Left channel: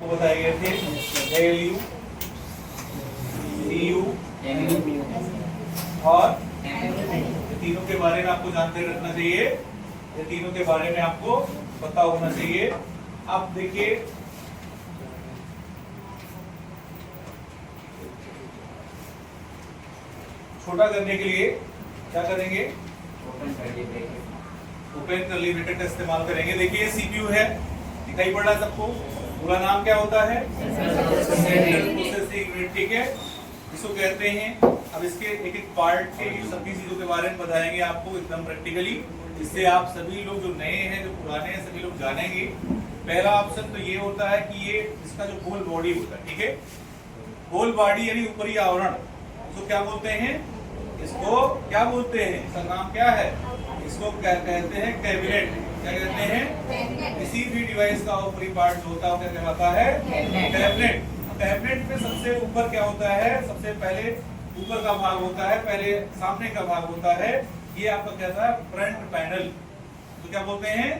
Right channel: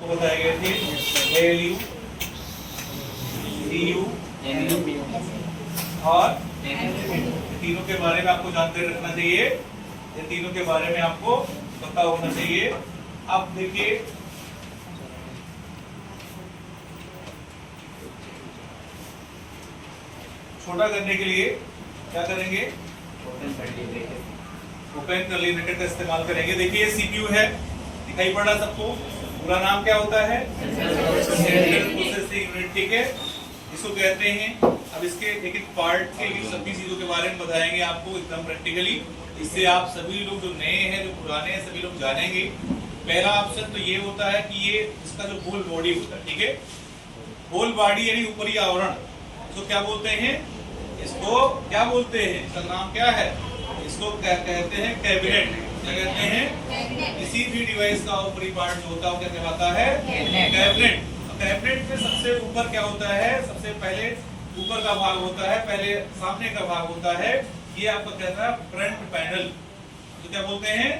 आपको बताए गए थे ALU, EU और तीनों के बारे में आपको जानकारी रखना चाहिए। ये तीनों के बारे में आपको पता होना चाहिए। अब देखिए छोटा करने के लिए क्या करेंगे, ओपन कर्ली ब्रैकेट का इस्तेमाल करेंगे। देखिए CPU है, दिखाई पड़ रहा है सबको। पूरा नाम क्या होता है, सेंट्रल प्रोसेसिंग यूनिट, ठीक है, इसको कहते हैं। अब इसके एक एक पार्ट के सभी चीजों के बारे में बताएंगे आपको एकदम प्रैक्टिकली। इससे आप सभी लोग जो नए हैं जो पुराने हैं सभी लोग जानेंगे। पहला ऑप्शन तो ये होता है कि ये इसका जो होल बॉडी होता है, ठीक है, होल बॉडी यानी ऊपरी आवरण, इसको क्या बोलते हैं, इसको क्या बोलते हैं, इसका नाम क्या है, इसको कहते हैं कैबिनेट। क्या कहते हैं, किसी भी डिवाइस का ऊपरी पार्ट जो होता है वो क्या कहलाता है, कैबिनेट। कैबिनेट में सबसे ऊपर क्या होता है, सबसे पहले ऊपर का भाग होता है, पहले सामने का भाग होता है, ये आपका कहता है फ्रंट पैनल। तो क्या बोलते हैं,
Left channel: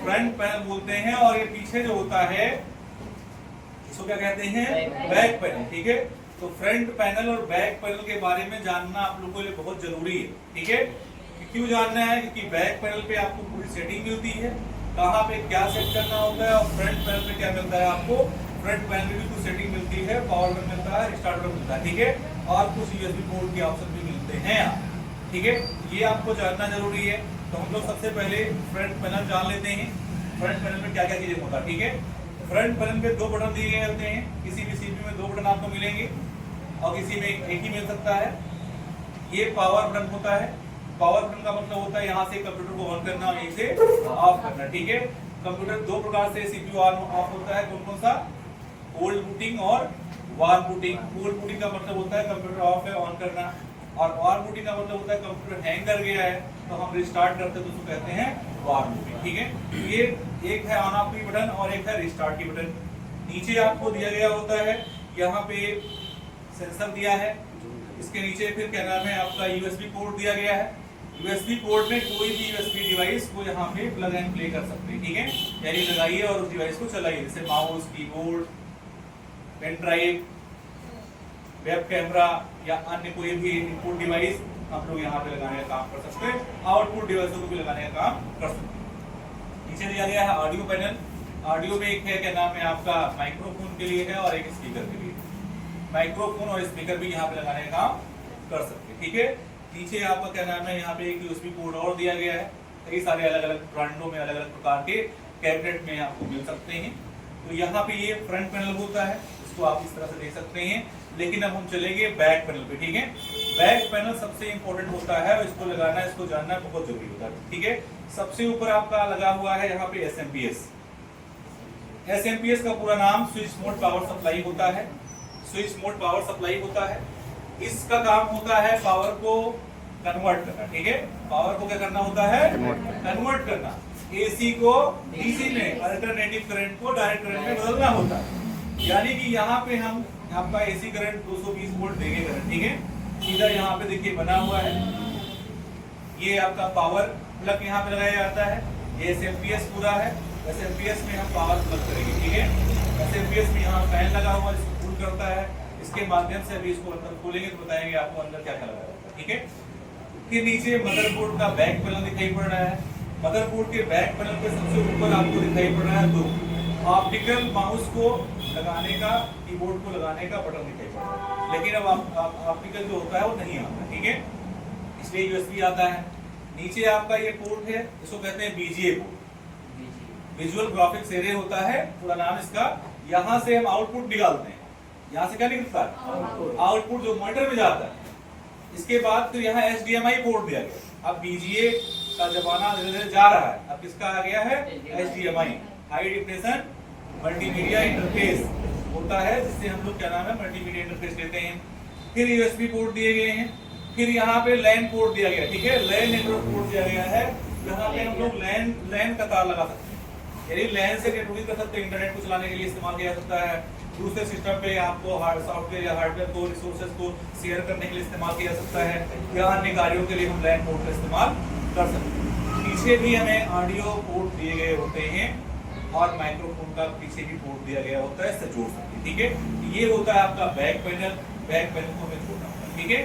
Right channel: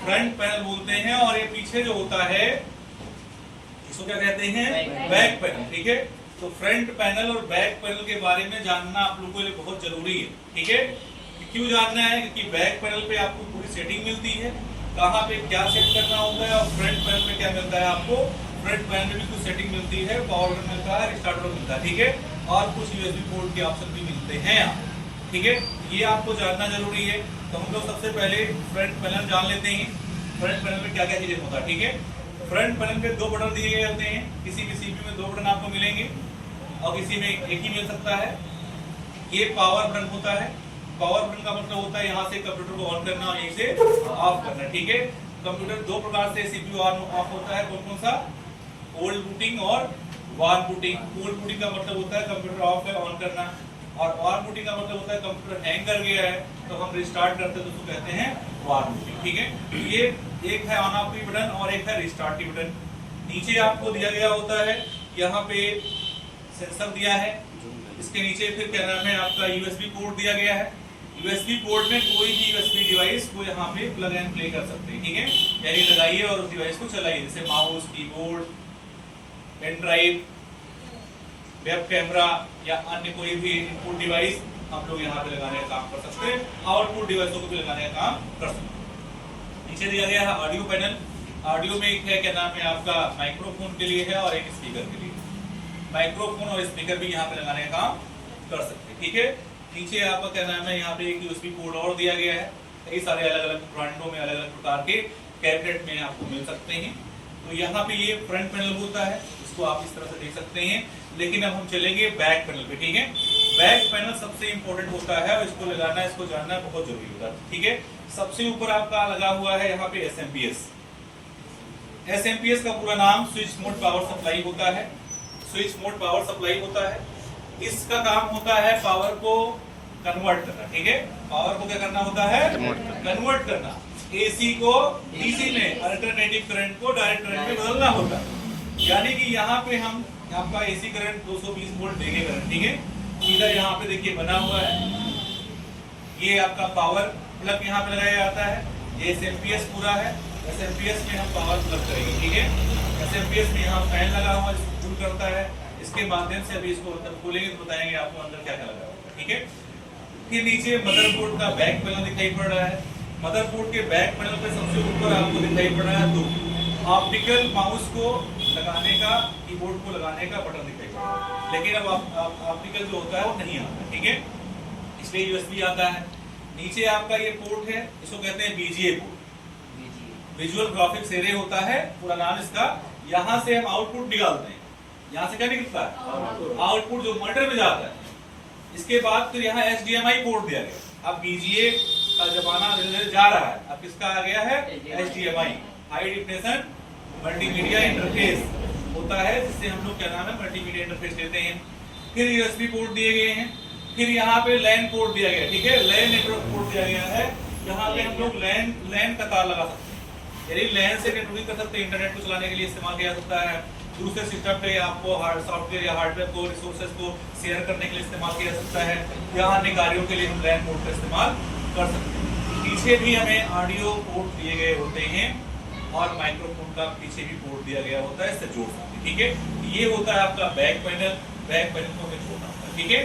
फ्रंट पैनल बोलते हैं। और ये पीछे जो होता है इसको क्या कहते हैं, बैक पैनल, ठीक है। तो फ्रंट पैनल और बैक पैनल के बारे में जानना आप लोगों के लिए बहुत जरूरी है, ठीक है। क्यों जानना है, क्योंकि बैक पैनल पे आपको पूरी सेटिंग मिलती है, कहाँ पे क्या सेट करना होता है, और फ्रंट पैनल पे क्या मिलता है आपको, फ्रंट पैनल में भी कुछ सेटिंग मिलती है, पावर बटन मिलता है, रिस्टार्ट बटन मिलता है, ठीक है, और कुछ USB पोर्ट के ऑप्शन भी मिलते हैं, ठीक है। ये आपको जानना जरूरी है। तो हम लोग सबसे पहले फ्रंट पैनल जान लेते हैं, फ्रंट पैनल में क्या क्या चीजें होता है, ठीक है। फ्रंट पैनल पे दो बटन दिए गए होते हैं, किसी भी CPU में दो बटन आपको मिलेंगे और किसी में एक ही मिल सकता है। ये पावर बटन होता है, पावर बटन का मतलब होता है यहाँ से कंप्यूटर को ऑन करना और यहीं से ऑफ करना, ठीक है। कंप्यूटर दो प्रकार से CPU ऑन ऑफ होता है, कौन कौन सा, कोल्ड बूटिंग और वार्म बूटिंग। कोल्ड बूटिंग का मतलब होता है कंप्यूटर ऑफ है, ऑन करना, और वार्म बूटिंग का मतलब होता है कंप्यूटर हैंग कर गया है तो हम रिस्टार्ट करते हैं तो उसको कहते हैं वार्म बूटिंग, ठीक है। तो ये एक है ऑन ऑफ की बटन और एक है रिस्टार्ट की बटन। नीचे आपको दिया गया होता है, यहाँ पे सेंसर दिया है, इसके नीचे फिर क्या नाम है आपका USB पोर्ट दिया गया है। USB पोर्ट में कोई भी USB डिवाइस को यहाँ पे प्लग एंड प्ले कर सकते हैं, ठीक है, यानी लगाइए और उस डिवाइस को चलाइए, जैसे mouse, keyboard, pen drive, web camera या अन्य कोई भी इनपुट डिवाइस हम लोग यहाँ पे लगाने का काम कर सकते हैं, आउटपुट डिवाइसों को भी लगाने का काम कर सकते हैं। नीचे दिया गया है ऑडियो पैनल। ऑडियो में एक है क्या नाम है आपका माइक्रोफोन के लिए है और एक स्पीकर के लिए। माइक्रोफोन और स्पीकर भी यहाँ पे लगाने का काम कर सकते हैं, ठीक है। नीचे आपका क्या नाम है, यहाँ पे एक USB पोर्ट और दिया गया है। कई सारे अलग अलग ब्रांडों में अलग अलग प्रकार के कैबिनेट में आपको मिल सकते हैं। तो यहाँ पे ये फ्रंट पैनल होता है, इसको आप इस तरह से देख सकते हैं। लेकिन अब हम चलेंगे बैक पैनल पे, ठीक है। बैक पैनल सबसे इंपॉर्टेंट होता है, इसको लगाना, इसको जानना बहुत जरूरी होता है, ठीक है। सबसे ऊपर आपका लगा हुआ है यहाँ पे SMPS। SMPS का पूरा नाम स्विच मोड पावर सप्लाई होता है। स्विच मोड पावर सप्लाई होता है, इसका काम होता है पावर को कन्वर्ट करना, ठीक है। पावर को क्या करना होता है, कन्वर्ट करना। AC को DC में, अल्टरनेटिव करंट को डायरेक्ट करंट में बदलना होता है। यानी कि यहाँ पे हम आपका AC करंट 220 वोल्ट देंगे करंट, ठीक है। सीधा यहाँ पे देखिए बना हुआ है, ये आपका पावर प्लग यहाँ पे लगाया जाता है। ये SMPS पूरा है, SMPS में हम पावर प्लग करेंगे, ठीक है। SMPS में यहाँ फैन लगा हुआ है, इसको कूल करता है, इसके माध्यम से अभी इसको अंदर खोलेंगे तो बताएंगे आपको अंदर क्या क्या लगा होता है, ठीक है। फिर नीचे मदरबोर्ड का बैक पैनल दिखाई पड़ रहा है। मदरबोर्ड के बैक पैनल पे सबसे ऊपर आपको दिखाई पड़ रहा है दो ऑप्टिकल माउस को लगाने का, कीबोर्ड को लगाने का बटन दिखाई पड़ रहा है। लेकिन अब ऑप्टिकल जो होता है वो नहीं आता, ठीक है, इसलिए USB आता है। नीचे आपका ये पोर्ट है, इसको कहते हैं VGA port, visual graphics array होता है पूरा नाम इसका। यहाँ से हम आउटपुट निकालते हैं, यहाँ से क्या निकलता है, आउटपुट जो मॉनिटर में जाता है। इसके बाद फिर यहाँ HDMI पोर्ट दिया गया। अब VGA का जमाना जा रहा है, अब किसका आ गया है, HDMI, high definition multimedia interface होता है, जिससे हम लोग क्या नाम है मल्टीमीडिया इंटरफेस लेते हैं। फिर USB पोर्ट दिए गए हैं, फिर यहाँ पे LAN पोर्ट दिया गया, ठीक है, LAN नेटवर्क पोर्ट दिया गया है। यहाँ पे हम लोग LAN का तार लगा सकते हैं, यानी LAN से नेटवर्किंग कर सकते हैं, इंटरनेट को चलाने के लिए इस्तेमाल किया जा सकता है। दूसरे सिस्टम पे आपको सॉफ्टवेयर या हार्डवेयर को, रिसोर्सेज को शेयर करने के लिए इस्तेमाल किया जा सकता है, या अन्य कार्यों के लिए हम LAN पोर्ट का इस्तेमाल कर सकते हैं। पीछे भी हमें ऑडियो पोर्ट दिए गए होते हैं, और माइक्रोफोन का पीछे भी पोर्ट दिया गया होता है, इससे जोड़ सकते हैं। ठीक है, ये होता है आपका बैक पैनल। बैक पैनल को हमें जोड़ना होता है। ठीक है,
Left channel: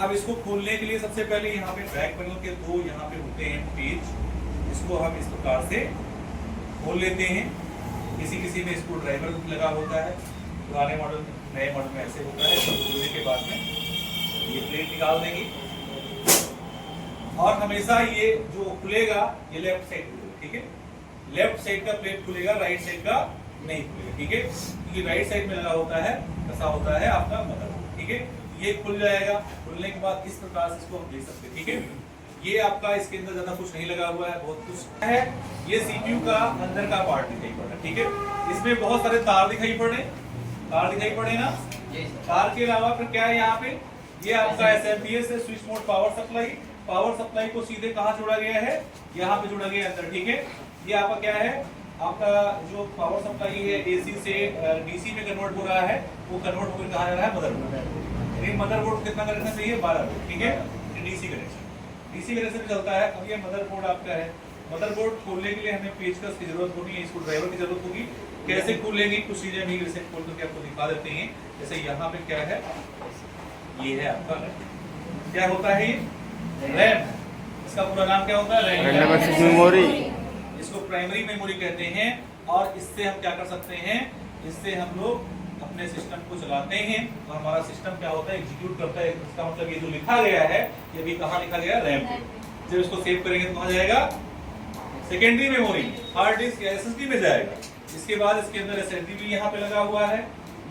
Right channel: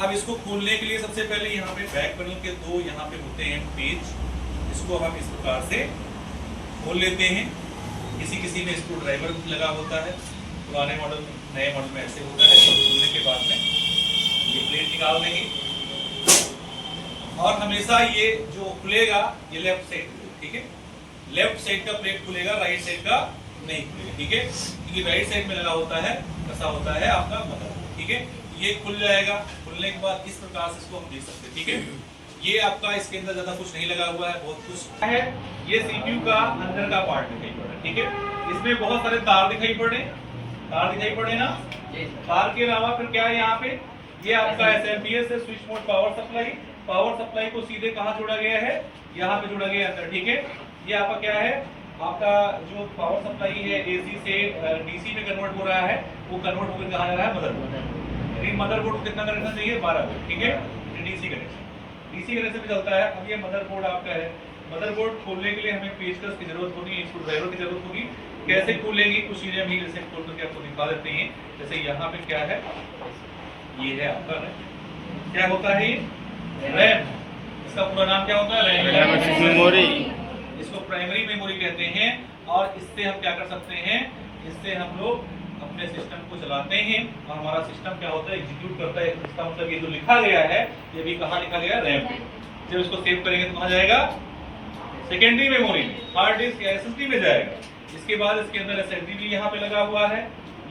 अब इसको खोलने के लिए सबसे पहले यहाँ पे बैक पैनल के दो यहाँ पे होते हैं पेज, इसको हम इस प्रकार से खोल लेते हैं। किसी में स्क्रू ड्राइवर लगा होता है, पुराने मॉडल में, नए मॉडल में ऐसे होता है। खोलने के बाद में ये प्लेट निकाल देंगे और हमेशा ये जो खुलेगा ये लेफ्ट साइड खुलेगा। ठीक है, लेफ्ट साइड का प्लेट खुलेगा, राइट साइड का नहीं खुलेगा। ठीक है, क्योंकि राइट साइड में लगा होता है, कसा होता है आपका मदर। ठीक है, ये खुल जाएगा। खुलने के बाद इस प्रकार से इसको हम देख सकते हैं। ठीक है, ये आपका इसके अंदर ज्यादा कुछ नहीं लगा हुआ है, बहुत कुछ है। ये सीपीयू का अंदर का पार्ट दिखाई पड़ रहा है। ठीक है, इसमें बहुत सारे तार दिखाई पड़ रहे ना। तार के अलावा फिर क्या है यहाँ पे, ये आपका एसएमपीएस है, switch mode power supply. Power supply को सीधे कहाँ जोड़ा गया है, यहाँ पे जोड़ा गया है अंदर। ठीक है, ये आपका क्या है, आपका जो पावर सप्लाई है एसी से डीसी में कन्वर्ट हो रहा है, वो कन्वर्ट होकर कहाँ जा रहा है, मदरबोर्ड। यानी मदरबोर्ड कितना कनेक्शन चाहिए, 12 वोल्ट। ठीक है, डीसी कनेक्शन भी चलता है। अब ये मदरबोर्ड आपका है। मदरबोर्ड खोलने के लिए हमें पेचकस की जरूरत होगी, स्क्रू ड्राइवर की जरूरत होगी। कैसे खोलेंगे, कुछ चीजें हम जैसे खोल करके आपको दिखा देते हैं। जैसे यहाँ पे क्या है, ये है आपका रैम। क्या होता है ये, रैम। इसका पूरा नाम क्या होता है, रैम मेमोरी। इसको प्राइमरी मेमोरी कहते हैं। और इससे हम क्या कर सकते हैं, इससे हम लोग अपने सिस्टम को चलाते हैं और हमारा सिस्टम क्या होता है, एग्जीक्यूट करता है। इसका मतलब ये जो लिखा गया है, ये भी कहाँ लिखा गया, रैम पे। जब इसको सेव करेंगे तो कहाँ जाएगा, सेकेंडरी मेमोरी, हार्ड डिस्क या एसएसडी में जाएगा। इसके बाद इसके अंदर एसएसडी भी यहाँ पे लगा हुआ है।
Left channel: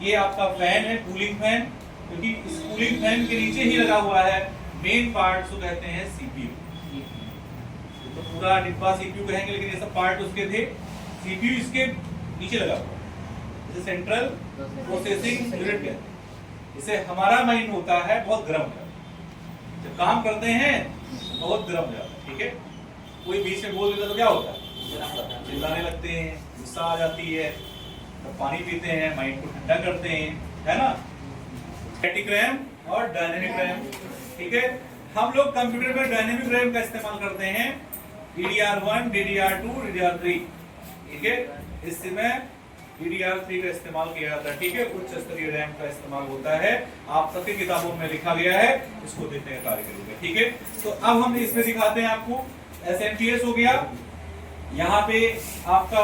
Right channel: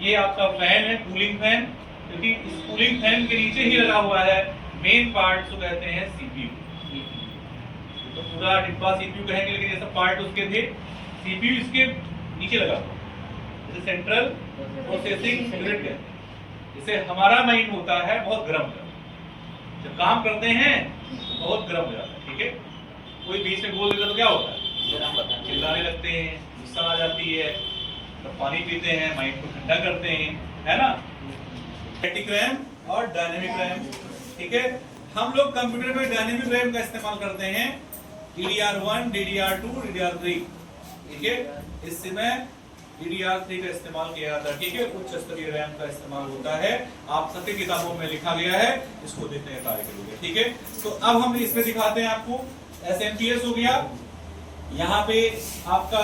ये आपका फैन है, कूलिंग फैन, क्योंकि इस कूलिंग फैन के नीचे ही लगा हुआ है मेन पार्ट, जो कहते हैं सीपीयू। तो पूरा डिब्बा सीपीयू कहेंगे, लेकिन ये सब पार्ट उसके थे। सीपीयू इसके नीचे लगा हुआ, जैसे सेंट्रल प्रोसेसिंग यूनिट कहते हैं। इसे हमारा माइंड होता है बहुत गर्म, जब काम करते हैं बहुत गर्म हो जाता है। ठीक है, कोई बीच में बोल देता तो क्या होता है, चिल्लाने लगते हैं, गुस्सा आ जाती है, तो पानी पीते हैं, माइंड को ठंडा करते हैं, है ना। स्टैटिक रैम और डायनेमिक रैम। ठीक है, हम लोग कंप्यूटर में डायनेमिक रैम का इस्तेमाल करते हैं, DDR1, DDR2, DDR3। ठीक है, इस समय DDR3 का इस्तेमाल किया जाता है। ठीक है, उच्च स्तरीय रैम का इस्तेमाल होता है। आप सबकी किताबों में लिखा गया है, इसको देखने का कार्य करोगे। ठीक है, तो अब हम इसमें दिखाते हैं आपको। एसएमपीएस हो गया, यहाँ पे आपका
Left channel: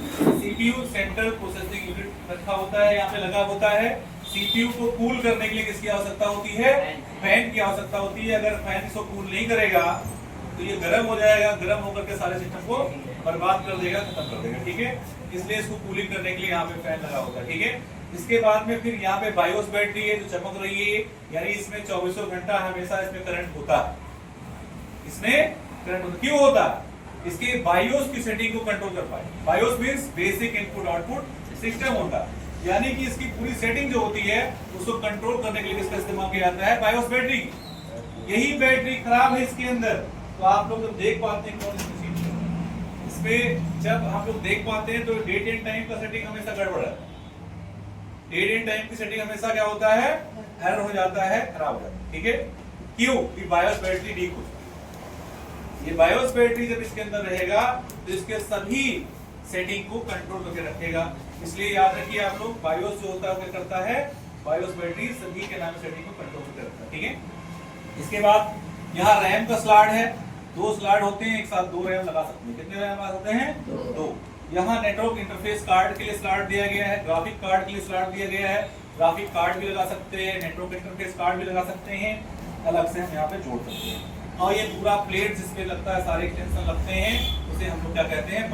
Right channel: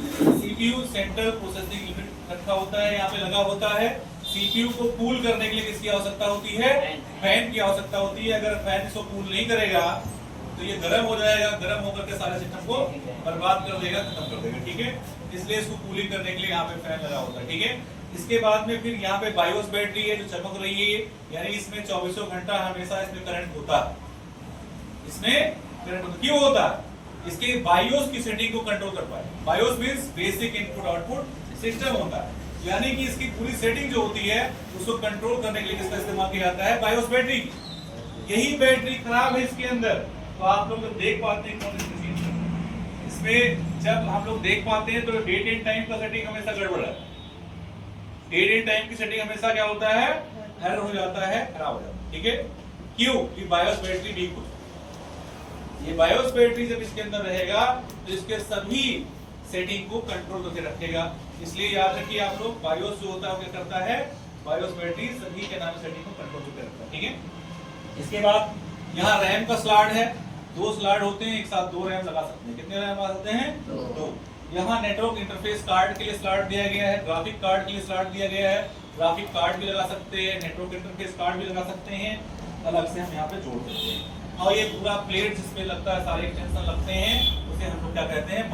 सीपीयू सेंट्रल प्रोसेसिंग यूनिट रखा होता है, यहाँ पे लगा होता है। सीपीयू को कूल करने के लिए किसकी आवश्यकता होती है, फैन की आवश्यकता होती है। अगर फैन इसको कूल नहीं करेगा तो ये गर्म हो जाएगा, गर्म होकर के सारे सिस्टम को बर्बाद कर देगा, खत्म कर देगा। ठीक है, इसलिए इसको कूलिंग करने के लिए यहाँ पे फैन लगा होता है। ठीक है, इसके बाद में फिर यहाँ पे बायोस बैटरी है जो चमक रही है, यानी इसमें 24 घंटा हमेशा इसमें करंट होता है। इसमें करंट होता, क्यों होता है, इसके बायोस की सेटिंग को कंट्रोल कर पाए। BIOS means basic input output system होता है, यानी कि इसकी पूरी सेटिंग जो होती है उसको कंट्रोल करने के लिए इसका इस्तेमाल किया जाता है, बायोस बैटरी। यही बैटरी खराब है इसके अंदर, तो आप लोग देख पाते हैं कौन सी इसमें, जब हम लोग देख पाते हैं तो डेट एंड टाइम का सेटिंग हमेशा गड़बड़ है। डेट एंड टाइम की सेटिंग हमेशा क्या होता है, एरर हो जाता है, खराब हो जाता है। ठीक है, क्यों, कि बायोस बैटरी डी कुछ, ये बायोस बैटरी जब इसके अंदर रहेगा तो इसके सभी सेटिंग को कंट्रोल करके रखेगा। इसलिए याद रखिए आप लोग, बायोस जो होता है वो क्या करता है, बायोस बैटरी सभी के नाम सेटिंग को कंट्रोल करके रखता है। ठीक है, इसके बाद यहाँ रैम का स्लॉट है, 2 स्लॉट होते हैं, एक साथ 2 रैम लगा सकते हैं। कितने रैम लगा सकते हैं, 2। यहाँ नेटवर्क इंटरफेस कार्ड के लिए स्लॉट दिया गया है, ग्राफिक कार्ड के लिए स्लॉट दिया गया है। ग्राफिक कार्ड भी लगा सकते हैं, नेटवर्क इंटरफेस कार्ड भी लगा सकते हैं, अलग से हम यहाँ पे जोड़ सकते हैं। और ये पूरा प्लेट जिसपे लगता है, सारे एक्सटेंशन लगते हैं, उसे हम लोग क्या कहते हैं,